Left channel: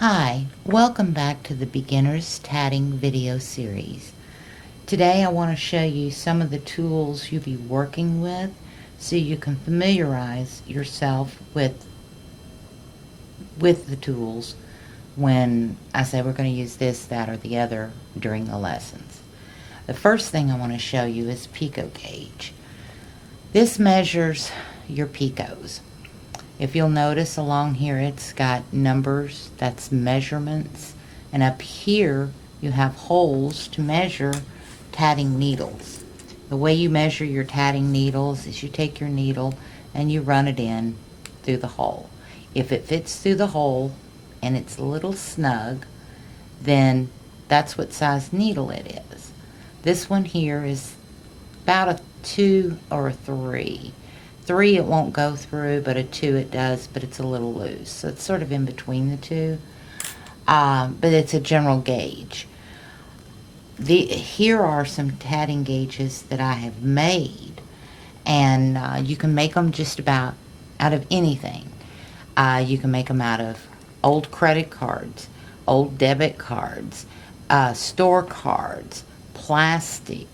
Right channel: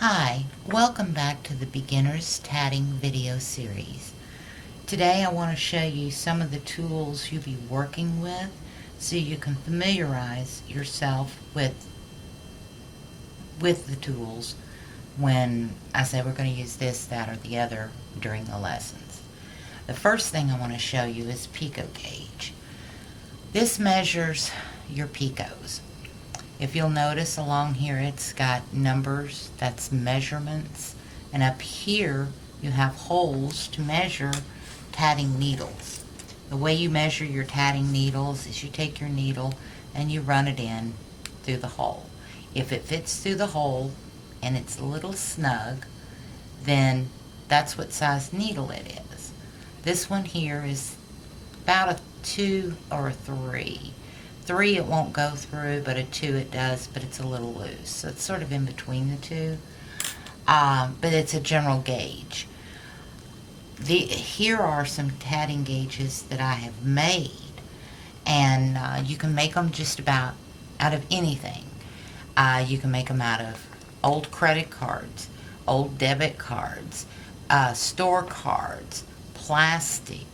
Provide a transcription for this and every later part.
Hi, welcome back to the Beginner's Tatting video series. Today I want to show you some of the tools you'll be working with so you can familiarize yourself with the tools when I say we're going to use this, that, or the other during the lessons. The first thing I want to show you is picot gauge. This measures your picots. If you'll notice along here, it's got numbers, that's measurements, and up here you have holes to measure tatting needles. The way you measure your tatting needles is you take your needle and you run it in through the hole. If it fits through the hole and it's a little snug, then that's what size needle it is. This one here is about a 2 or a 3. 3 it won't go through, but a 2 it does, but it's a little loose. So it's sort of in between the two. But it's a general gauge. Here are some tatting gauges that I have made, and you can make them just about out of anything. You can make them out of old credit cards, old debit cards, store cards, plastic.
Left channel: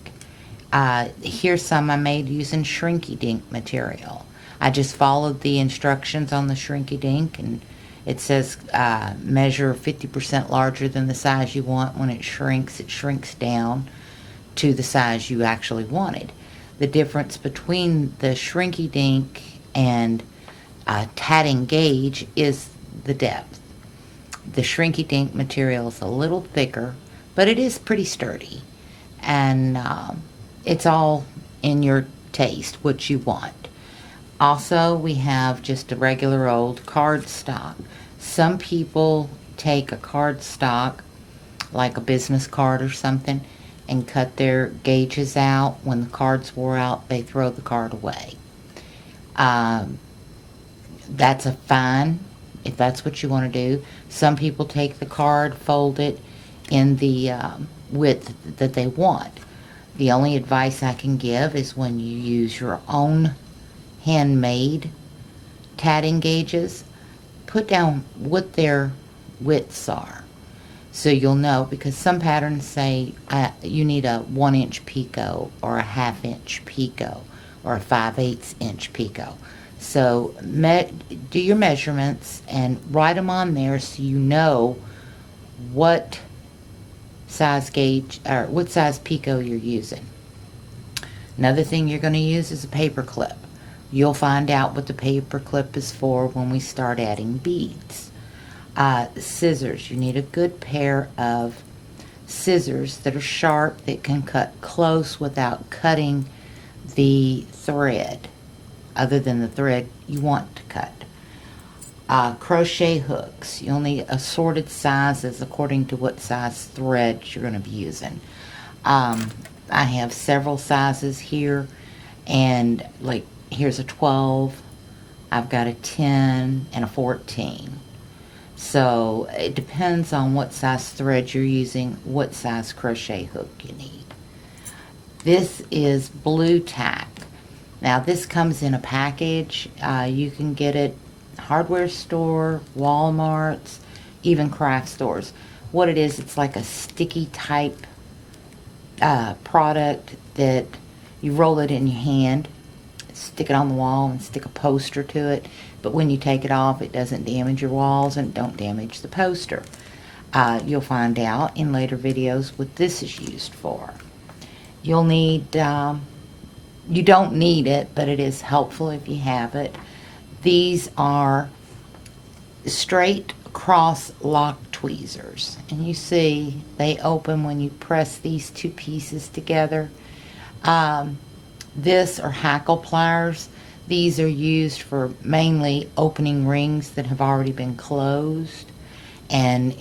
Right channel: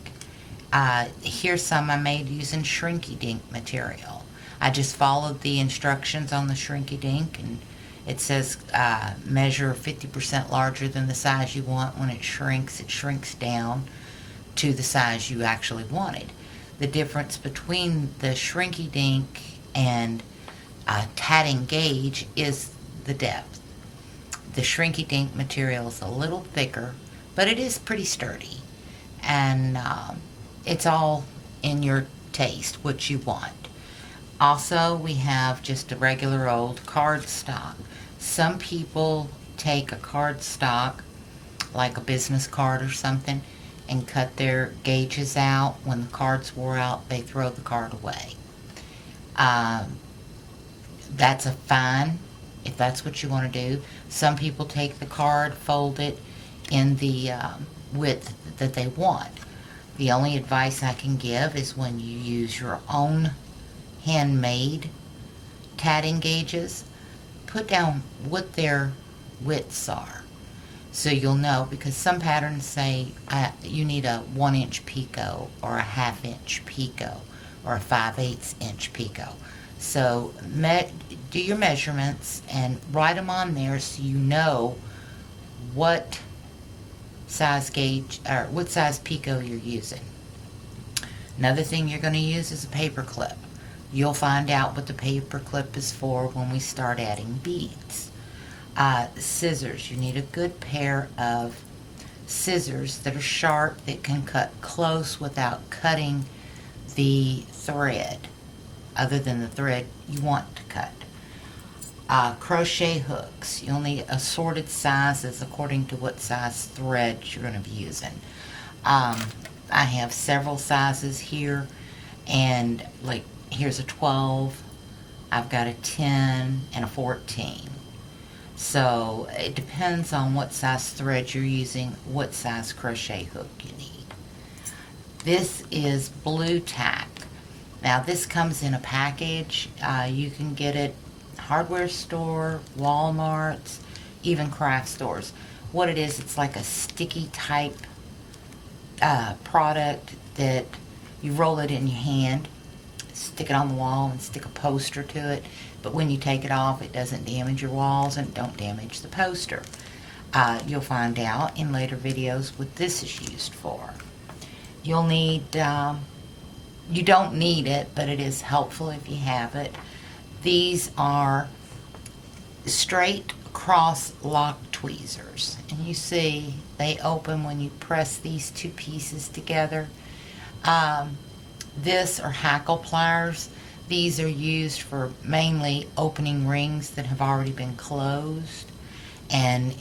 Here's some I made using Shrinky Dink material. I just followed the instructions on the Shrinky Dink, and it says measure 50% larger than the size you want. When it shrinks down to the size you actually wanted. The difference between the Shrinky Dink and tatting gauge is the depth. The Shrinky Dink material is a little thicker, but it is pretty sturdy, and it's all in your taste, what you want. Also, we have just a regular old cardstock. Some people take a cardstock, like a business card or something, and cut their gauges out. When the cards wore out, they throw the card away. That's a fine, if that's what you want to do. Some people take the card, fold it in the width that they want. The only advice I can give is when you use your own handmade tatting gauges, put down what their widths are so you'll know, because some patterns say you need a 1-inch picot or a 1/2-inch picot or a 5/8 inch picot. So do your measurements and write them on there so you know what size gauge or what size picot you're using. Another thing you're going to use is a paper clip. You'll find out what the paper clip is for when we start adding beads. Scissors. You need a good pair of scissors that are sharp, that can cut close without cutting the thread, other than the thread you want to cut. Crochet hooks. You'll need assorted sizes according to what size thread you're going to be using. I have several sizes here, and like here's a 12, I've got a 10 and a 14. So it depends on what size thread you're using, what size crochet hook you need. This is blue tack. Now this comes in a package. You can get it hardware store, Walmart's, even craft stores. What it is, it's like a sticky type product that you roll it in your hand, stick it on the wall, and stick a poster to it. But when you take it off, it doesn't damage your walls and don't damage the poster. You'll find out in later videos what this is used for. You'll need, you don't need it, but it is helpful if you have it. These are straight cross lock tweezers, and you see they open when you press these two pieces together. This are Hackle Pliers. These are used for mainly opening rings that have already been closed, and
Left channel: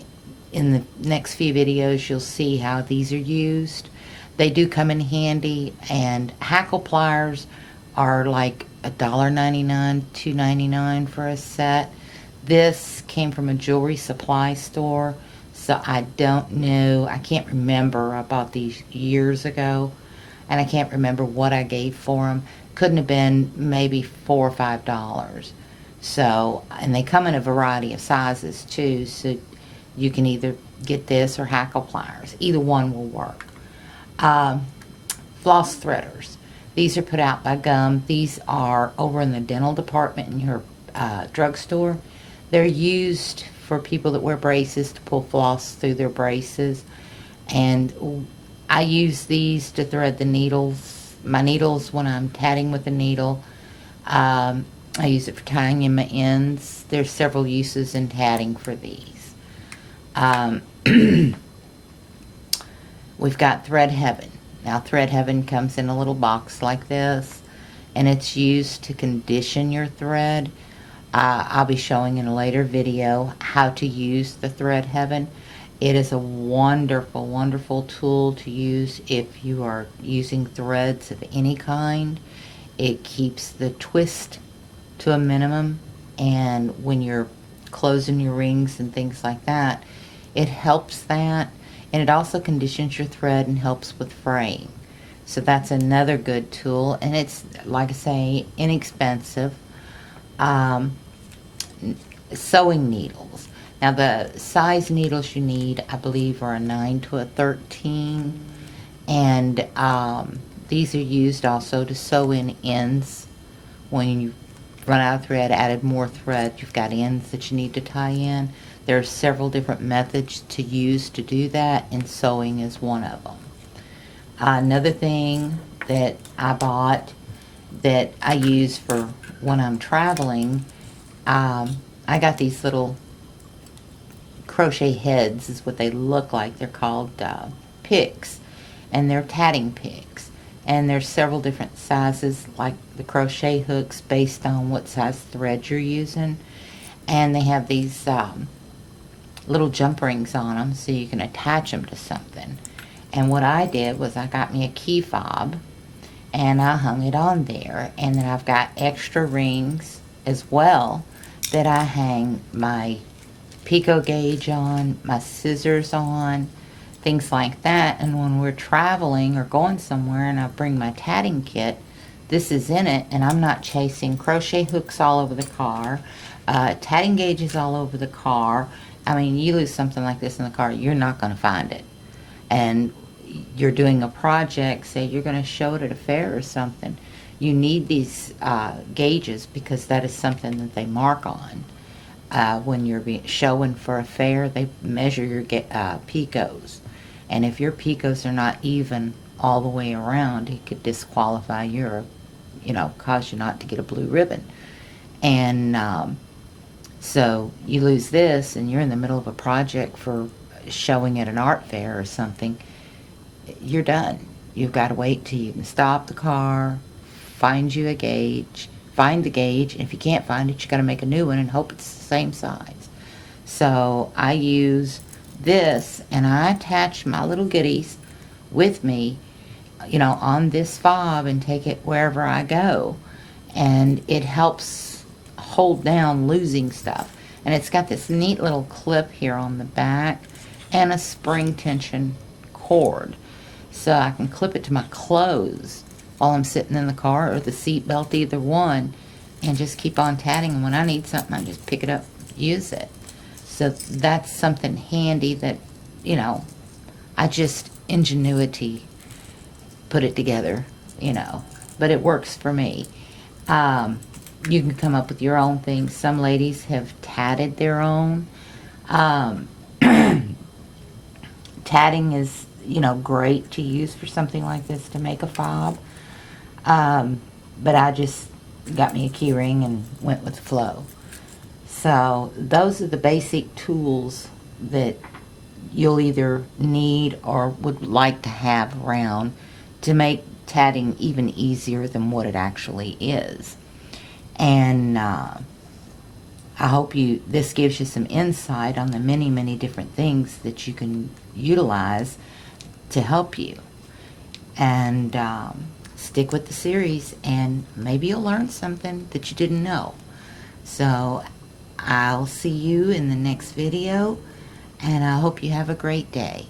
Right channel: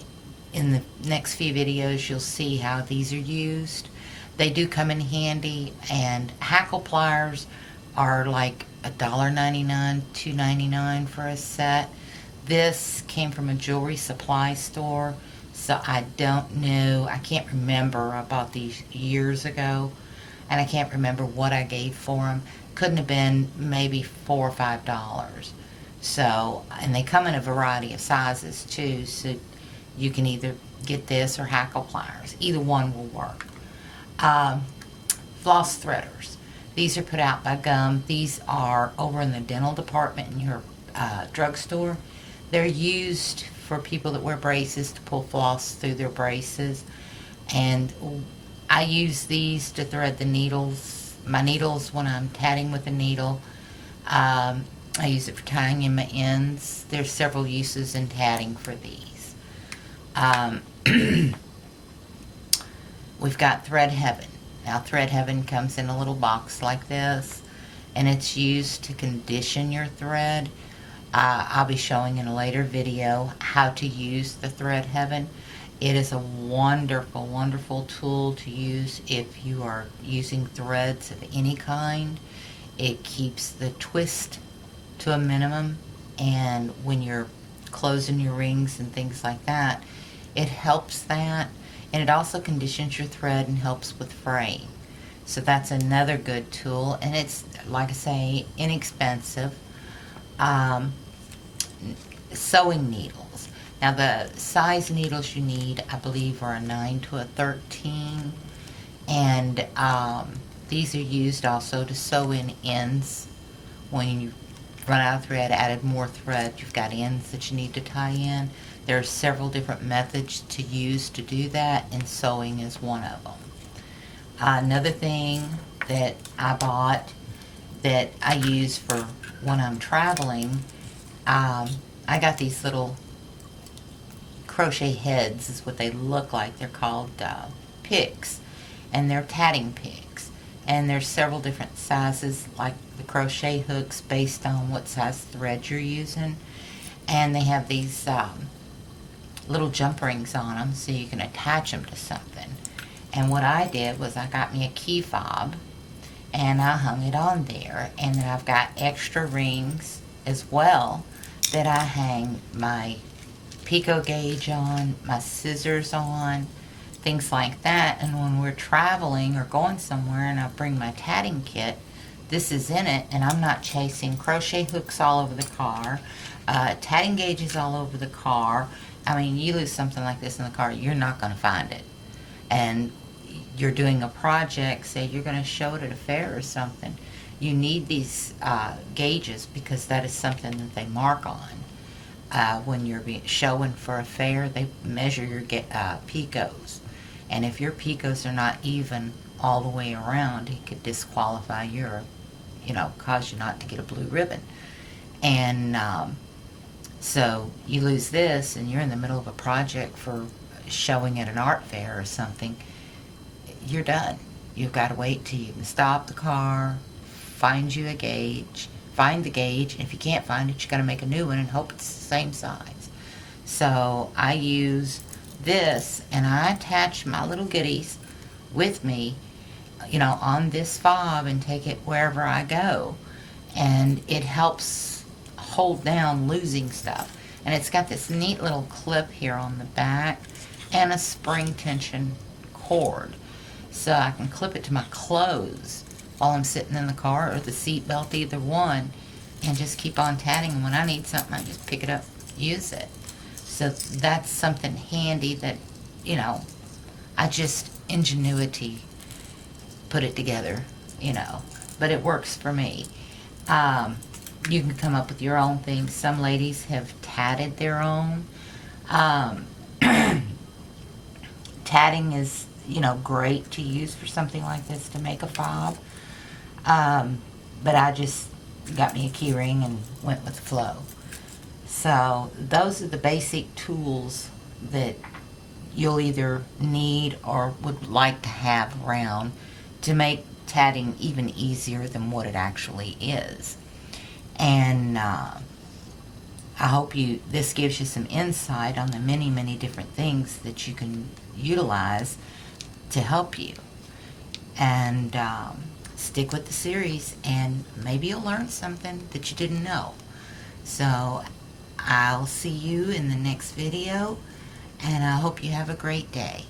in the next few videos you'll see how these are used. They do come in handy, and Hackle Pliers are like $1.99, $2.99 for a set. This came from a jewelry supply store, so I don't know, I can't remember. I bought these years ago, and I can't remember what I gave for them. Couldn't have been maybe $4 or $5. So, and they come in a variety of sizes too, so You can either get this or Hackle Pliers. Either one will work. Floss Threaders. These are put out by Gum. These are over in the dental department in your drugstore. They're used for people that wear braces to pull floss through their braces. And I use these to thread the needles, my needles when I'm tatting with a needle. I use it for tying in my ends. There's several uses in tatting for these. We've got Thread Heaven. Now, Thread Heaven comes in a little box like this, and it's used to condition your thread. I'll be showing in a later video how to use the Thread Heaven. It is a wonderful, wonderful tool to use if you are using threads of any kind. It keeps the twist to a minimum, and when you're closing your rings and things like that, it helps that. And it also conditions your thread and helps with fraying. So that's another good tool, and it's, like I say, inexpensive. Sewing needles. Now, the size needles you need, I believe, are a 9 to a 13. And these are used also to sew in ends. When you run out of thread, added more thread, you've got ends that you need to tie in. There are several different methods to use to do that, and sewing is one of them. Another thing that I bought that I use for when I'm traveling, I got these little crochet heads, is what they look like. They're called picks, and they're tatting picks. And there's several different sizes, like the crochet hooks, based on what size thread you're using. And they have these little jump rings on them, so you can attach them to something. And what I did was I got me a key fob, and I hung it on there. And then I've got extra rings as well that I hang my picot gauge on, my scissors on, things like that. And when we're traveling or going somewhere and I bring my tatting kit, this is in it, and I'm not chasing crochet hooks all over the car, tatting gauges all over the car. I mean, you lose something like this in the car, you're not going to find it. And you're doing a project, say you're going to show it at a fair or something, you need these gauges, because that is something that they mark on. When you're showing for a fair, they measure your picots. And if your picots are not even all the way around, it could disqualify your, cause you not to get a blue ribbon. And so you lose this, and you're in the middle of a project for showing at an art fair or something, you're done. You've got to wait till you can stop the car, find you a gauge, find the gauge, and if you can't find it, you got to make a new one and hope it's the same size. So I use this, and I attach my little goodies with me, on this fob, and take it wherever I go. And it helps hold down losing stuff. And it's got this neat little clip here on the back and a spring tension cord. So I can clip it to my clothes while I'm sitting in the car, or the seat belt, either one, and just keep on tatting. And when I need something, I just pick it up, use it. So that's something handy that, I just, ingenuity put it together, but it works for me. You can come up with your own things. Some ladies have tatted their own. Tatting is, great to use for something like this, to make a fob. But I just got me a key ring and went with the flow. So those are the basic tools that you'll either need or would like to have around to make tatting even easier than what it actually is. And I hope this gives you some insight on the many, many different things that you can utilize to help you. And stick with the series, and maybe you'll learn something that you didn't know. So I'll see you in the next video, and I hope you have a great day.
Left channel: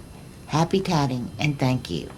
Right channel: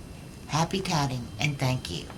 Happy tatting, and thank you.